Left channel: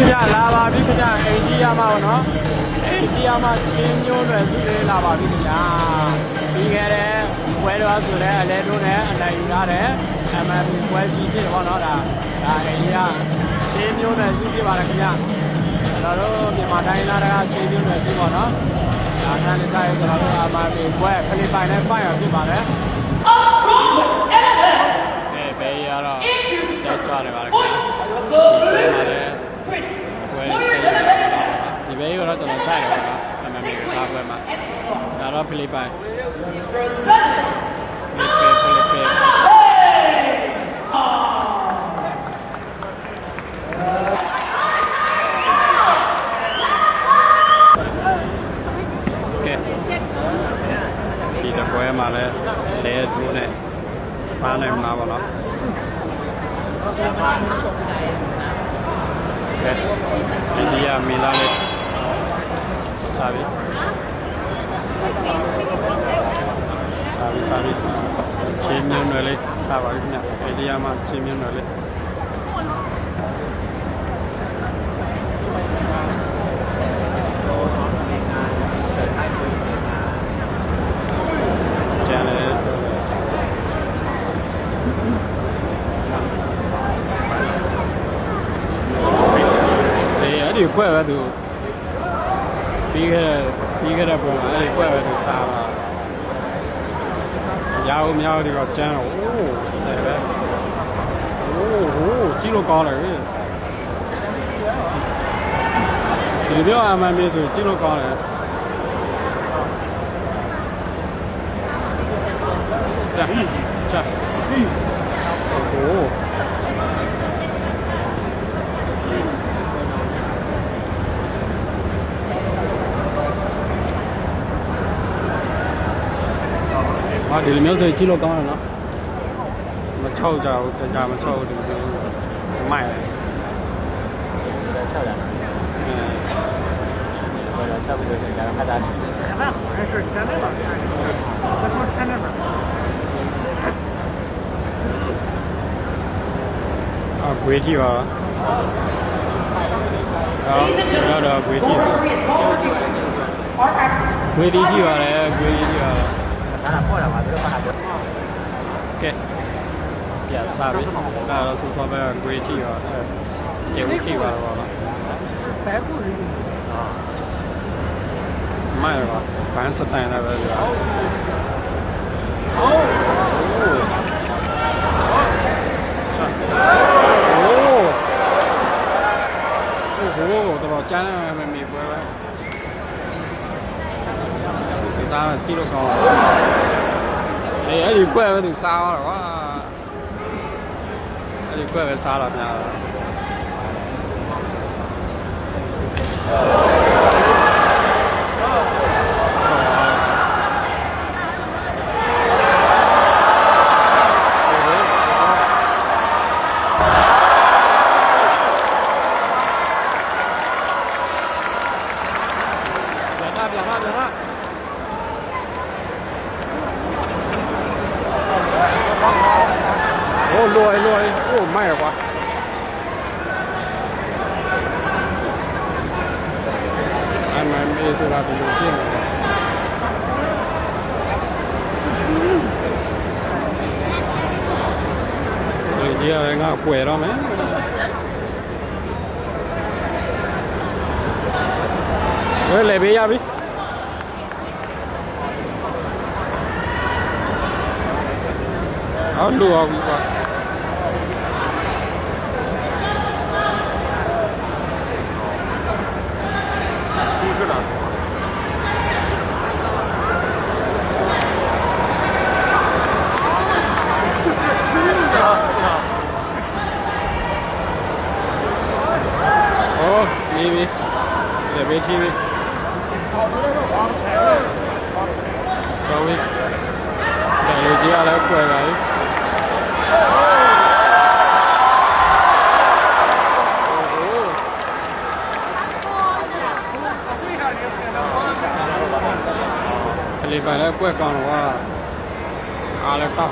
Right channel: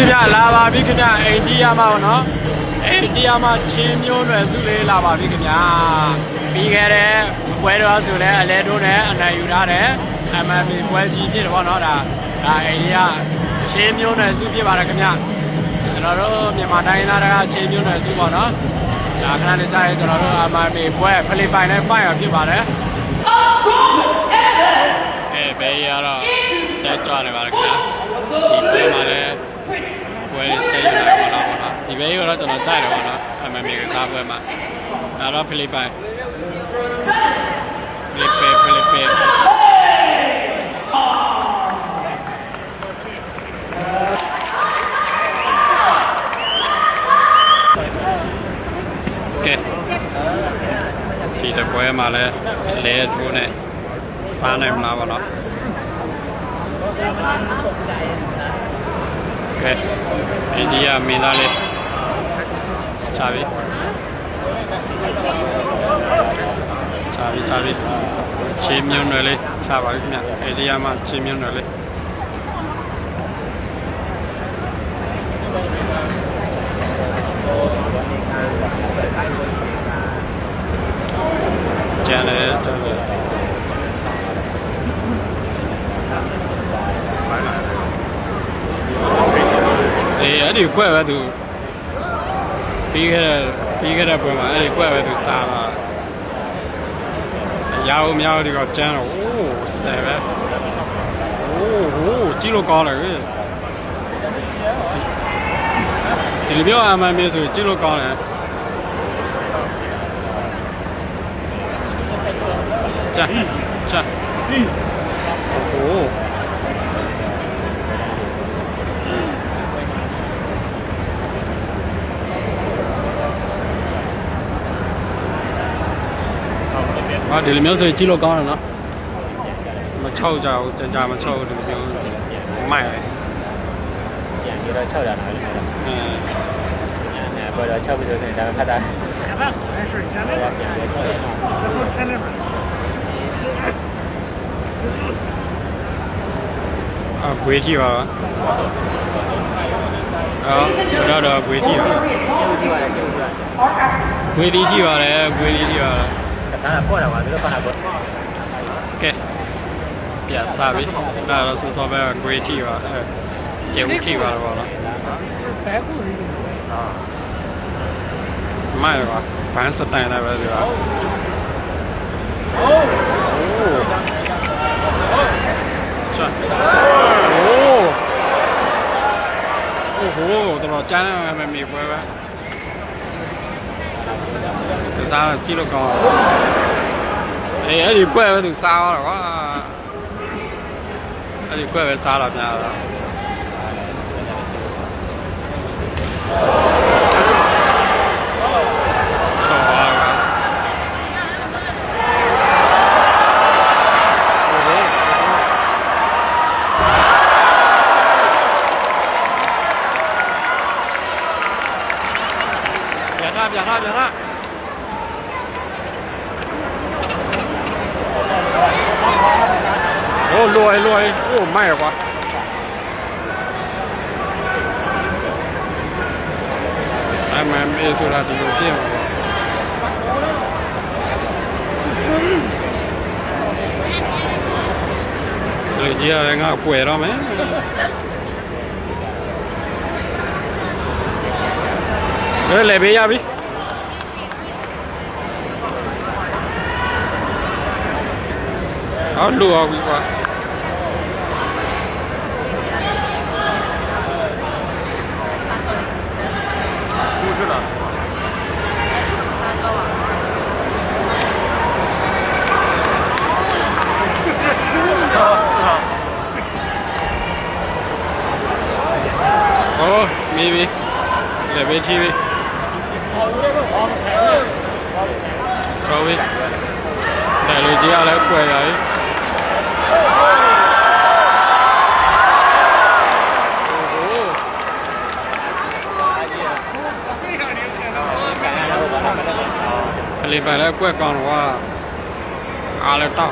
ခင်ဗျလာပါပြီခင်ဗျအိန္ဒိယမှာပေါ့နော်အိန္ဒိယမှာချင်းမျိုးနွယ်စုလေးလာပါပြီခင်ဗျပြီးခဲ့တဲ့ပွဲတော်ဆိုလဲအလဲတို့နဲ့အနိုင်ယူထားတဲ့ MMA ပွဲကြီးဖြစ်တယ်ပေါ့နော်ဒါအိန္ဒိယချင်းမျိုးနွယ်စုဖြစ်ပါတယ်ခင်ဗျကျွန်တော်တို့မြန်မာတိုင်းသားတွေကချင်းမျိုးနွယ်စုပေါ့နော်ဒါခဏလေးကြာရင်ကျွန်တော်တို့ MMA ပွဲဖိလစ်ပိုင်နဲ့ဖိုင်ရဖြစ်ပါတယ်ဘယ်ရတော့တက်ကြွနေပါလားခင်ဗျဒီပွဲမှာလည်းပွဲဆက်ယူလိုက်ပါတော့ပေါ့နော်ဒီဘက်ကတော့ကျွန်တော်ကြိုက်တယ်ပေါ့နော် MMA ကစားပွဲမှာဒါတော့ဖိလစ်ပိုင်ကဲဒီတပွဲမှာလည်းလဲထိုးနဲ့စားနိုင်မလားပေါ့နော်ကဲအိန္ဒိယမင်းသားလေးချပြီချင်းမျိုးနွယ်လေးချပါပြီခင်ဗျအိန္ဒိယမှာချင်းမျိုးနွယ်လေးကျန်တယ်အဲ့ဒီကွက်ပဲသူပြီးခဲ့တဲ့ပွဲမှာအဲ့ဒီကွက်ပဲသူစားတာရအောင်မရအောင်ဒီကကျန်းတော့အိုးဆယ်ပဲအိုးကြီးလို့ကောင်းတယ်ဒီလိုမျိုးအမှန်မျိုးဆိုကြီးလို့ကောင်းတယ်ကြာโอ้ဒီလိုမျိုးဆိုကြည့်လို့ကောင်းတယ်နော်မချောက်ကြဘူးကြာမချောက်ဒီလိုမျိုးမိုက်တယ်ဒီတော့600ဆယ်ဘောတော့6ပြီးတော့ဒါခါတာအဲ့ဆိုတမ်းပါဗျာဒါဆယ်နေမှာဂွေးထီပါတော့ဂွေးထီပါဂွေးတီထီပါတယ်ဂွေးတီထီပါစားတာပေါ်တာပါတို့ဖာနာပေါ်ကဲပြစားပြီဒါတော့စောပဲဂွေးထီပါကျဲဦးထီပါတော့ဗောနော်ဘဲကူရီမိုက်ပါဘန်းစတိုင်လည်းပဲဒီပါချာโอ้โหတော်ကျန်းနေမှမြေပွဲပဲကစားကြည့်လို့ကောင်းအဲ့ဒီကွက်ပဲသူစားတော့ကွာအဲ့ဒီကွက်ပဲစားတာများတော့ဆော်ပါကဗျာโอ้ลอยโอ้ไม่กว่าMMAဆိုတာဒီလိုဖြစ်မှာပါဒီကြီးရငါကွယ်တော့မယ်လေဘေးရပြီအော်လူအောင်ပြီကွာมีเหลือเวทีวิเขาวิแต่ลูจีอะไรก็ป่วยใหญ่ผลิตไปแล้วกล้วยกองว่าอะไรต่อ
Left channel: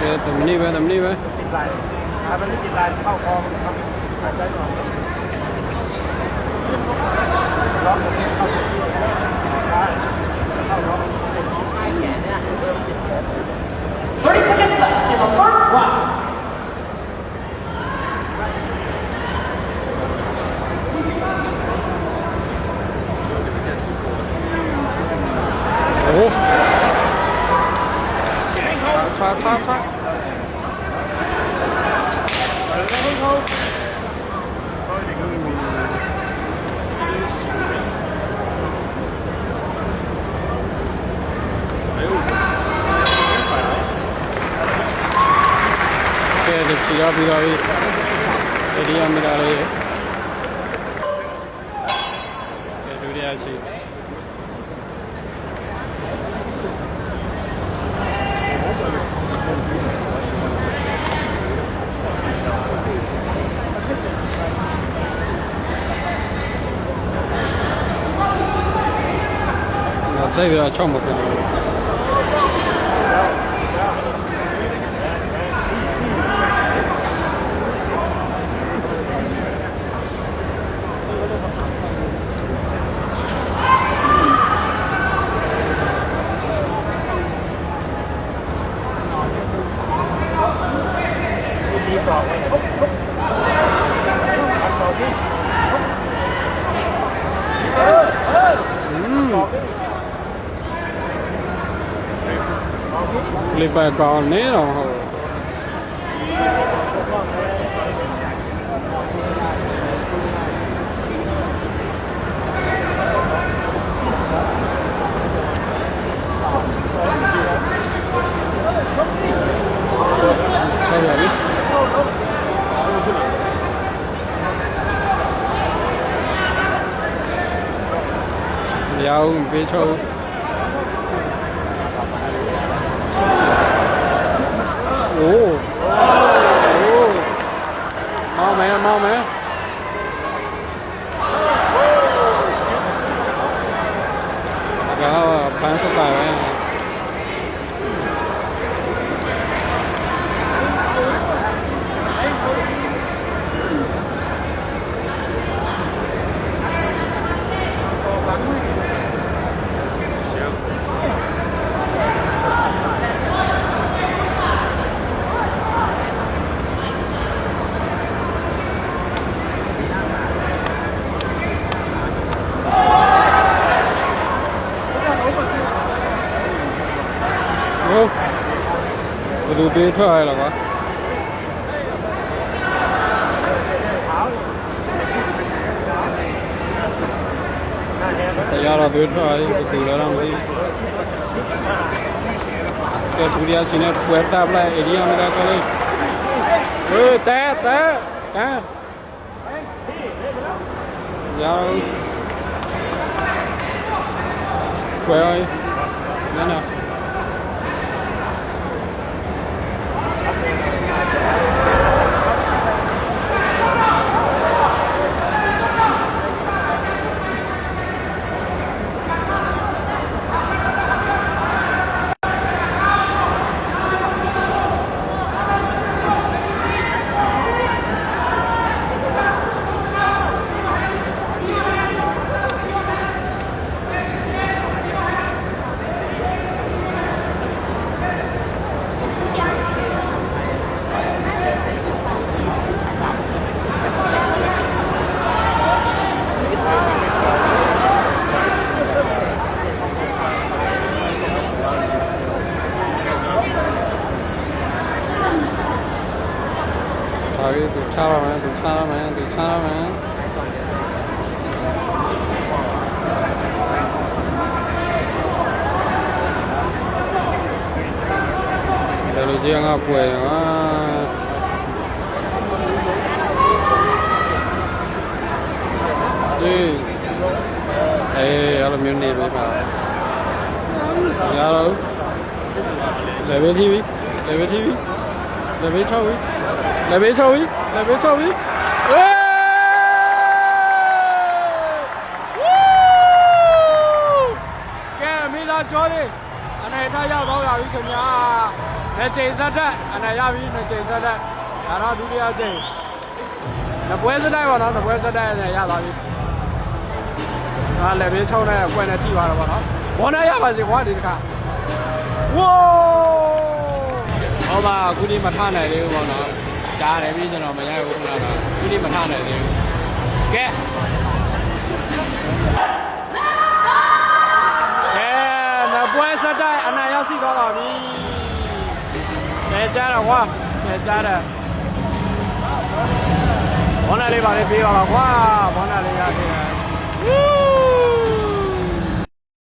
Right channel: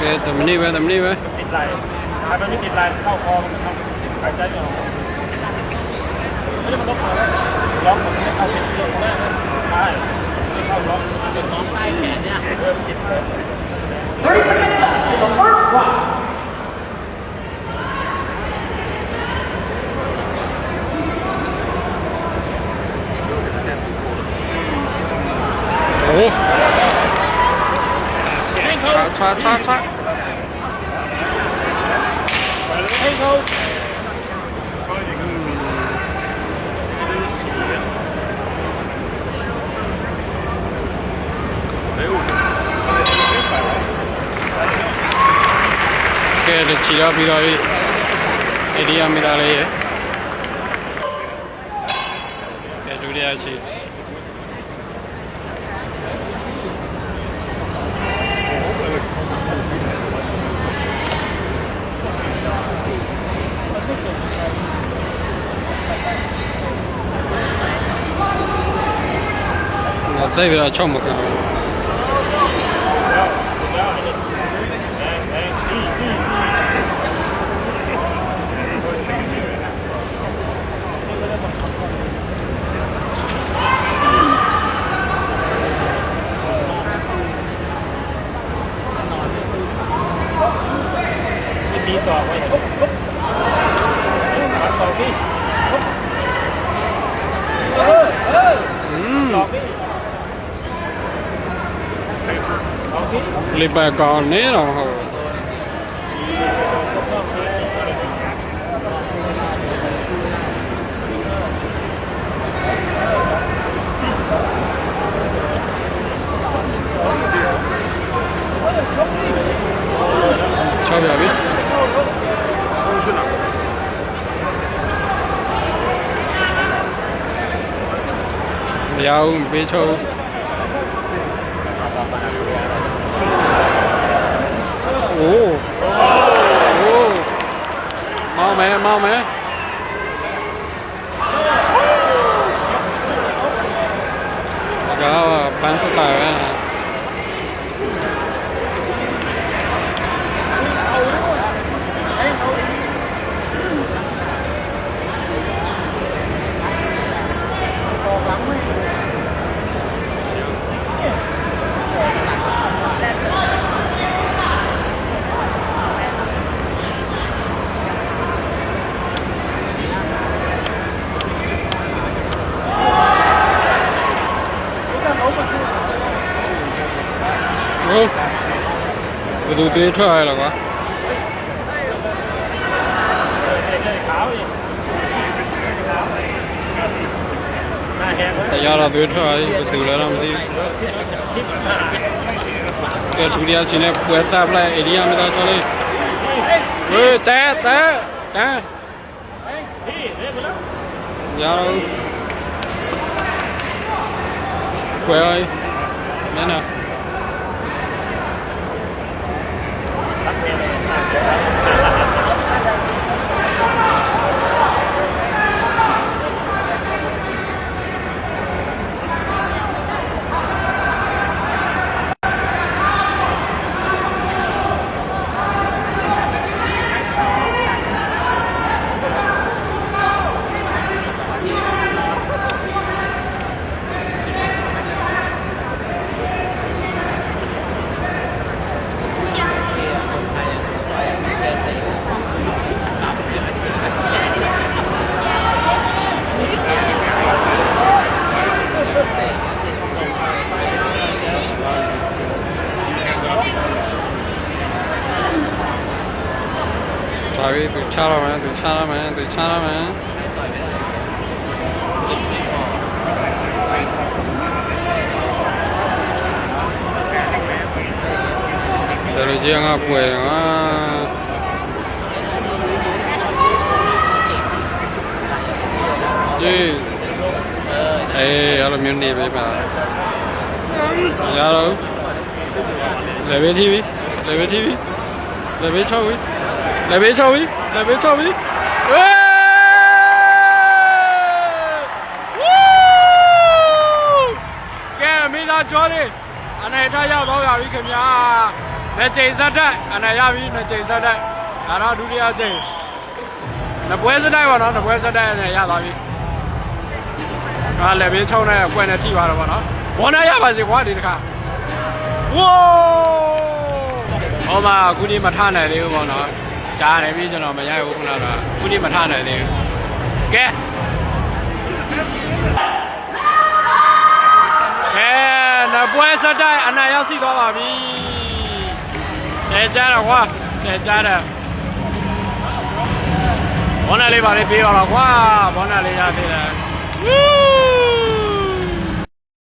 ကဲတမနီပဲတမနီပဲ ติดไหลถ้ามันไม่ติดไหลเข้าคอครับหายใจไม่ออกล็อกเอาเสียงได้ใช่เข้าล็อกใต้แขนเนี่ยติดเลย 30 seconds left in the first round. โอ้ช้า ကဲခြေရပြီးတော့အေဒီယာမီတာလေးရဲ့ကဲဒုတိယခြေတိုက်ပြီးတော့6မကန်လေးပဲကောင်းနေတော့ဟုတ်ချောက်ရပြီမရဘူးပေးချောက်โอ้เมาไหมก็ปันสไตล์นะบดูดีเท่าไหร่หรอวะแต่ยาเราดูเท่าไหร่ไปดูแล้วเราไม่ดีแกดูดีอาชีพเนี่ยปวดตาไปเอเดียไม่ได้ชอบเลยเฮ้ยแต่ยาเราปวดเลยเนี่ยนะသူချရမယ်တလူကြီးငါပွေငါဒီအဲ့လိုမျိုးနေပဲပါရတော့level TV level 6ပြီlevel 6ပြီเฮ้ยကဲမိသားကျော်လေးအနေထားရောက်တော့ရပြီခင်ဗျာ နှစ်ကြိမ်စက်တိုက်အနာရပြီနှစ်ကြိမ်စက်တိုက်ဒါတော့ဒုတိယကြိမ်နှစ်ပွဲစက်တိုက်ပါတော့နှစ်ပွဲစက်တိုက်နဲ့ရသွားပြီကလည်းဘေးချုံနဲ့အကွက်နဲ့ထိသွားတော့ဗောနော်ဘောနဲ့ရပါစေကွာဒီတစ်ခါဝိုးဟောမှာအခုဒီမထနိုင်သေးဘူးဗောနော်ကြားတယ်ပြီကျွန်တော်မရဘူးခုနကတော့အခုဒီမထနိုင်သေးဘူးကဲနှစ်ပွဲစက်တိုက်အနာရောက်စီသွားပါပြီဆယ်ကြားတော့ကွာဆယ်ကြားတယ်ဘောနာလေးပါလေးပေးပါတော့ကွာဘောနာလေးရသေးတယ်